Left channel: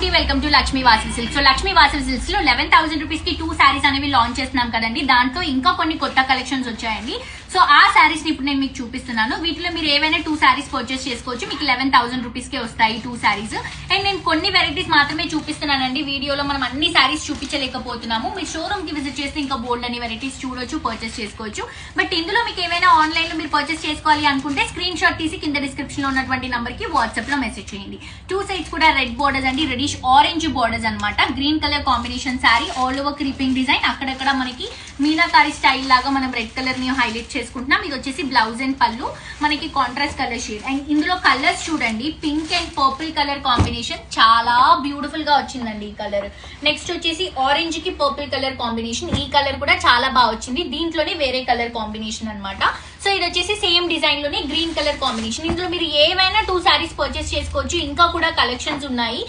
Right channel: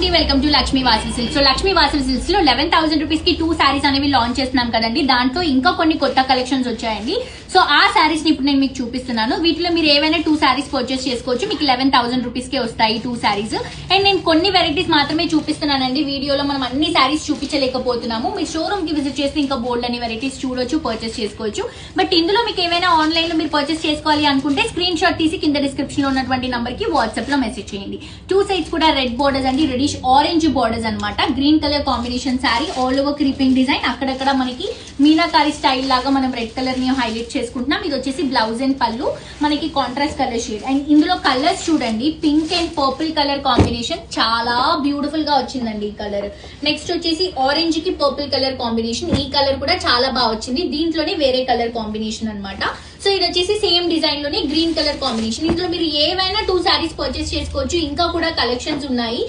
అండి, welcome to Lakshmi Vasavi silks. So Lakshmi Vasavi silks లో 11,000 rupees కి 2 సారీస్ అనేవి లాంచ్ చేస్తున్నాం కదండి. దాంట్లో ఇంకా కొన్ని కొత్త కలెక్షన్స్ వచ్చాయండి. సో ఆ సారీస్ ని ఇప్పుడు నేను మీకు చూపిస్తున్నాను. వీటిలో మీరు ఏవైనా 2 సారీస్ పర్చేస్ చేసుకోవచ్చు. మీకు 11,000 రూపీస్ కి వస్తాయి 2 సారీస్. అండ్ నేను కొన్ని వెరైటీస్ మాత్రమే చూపిస్తున్నానండి. వీడియోలో మనం అన్ని సారీస్ చూపించలేకపోతున్నాము. మీరు షోరూమ్ కి విజిట్ చేసి ఇంకా బోల్డ్ అని వెరైటీస్ చూడొచ్చు, పర్చేస్ చేసుకోవచ్చు. బట్ ఇందులో మీకు ఏవైనా ఆన్లైన్ లో మీరు పర్చేస్ చేసుకోవాలి అనుకుంటే స్క్రీన్ షాట్ తీసి కింద డిస్క్రిప్షన్ లో ఉన్నటువంటి నంబర్ కి వాట్సాప్ లో మెసేజ్ చేయండి. 2 సైడ్స్ కూడా రెడ్ బోర్డర్స్ అండి, రెడిష్ ఆరెంజ్ బోర్డర్స్ అన్నమాట. Green colour combination sorry, all over creeping design. అక్కడక్కడ మనకి మీనాకారి స్టైల్ లాగా మనం రెడ్ కలర్ ని హైలైట్ చేసుకుంటున్నాం. ఇది వచ్చేసి బ్లౌజ్ అండ్ పళ్ళు, మనకి కాంట్రాస్ట్ కలర్ షేడ్. అండ్ ఇందులో కలర్స్ చూడండి, pink and purple colour combination చాలా బ్యూటిఫుల్ గా వచ్చిందండి ఈ కలర్. నెక్స్ట్ వచ్చేసి ఆరెంజ్ కి పర్పుల్ కలర్ కాంబినేషన్. ఈ కలర్ కూడా చాలా బాగా వచ్చింది. దీంట్లోనే వేరే కలర్ కాంబినేషన్ అన్నమాట. సో ఇది వచ్చేసి సేమ్ డిజైన్ లోనే గ్రీన్ కలర్ కాంబినేషన్. ఇందులో మీరు ఏవైనా 2 సారీస్ పర్చేస్ చేసుకోవచ్చు. ఇంకా కూడా కలెక్షన్స్ ఉన్నాయి.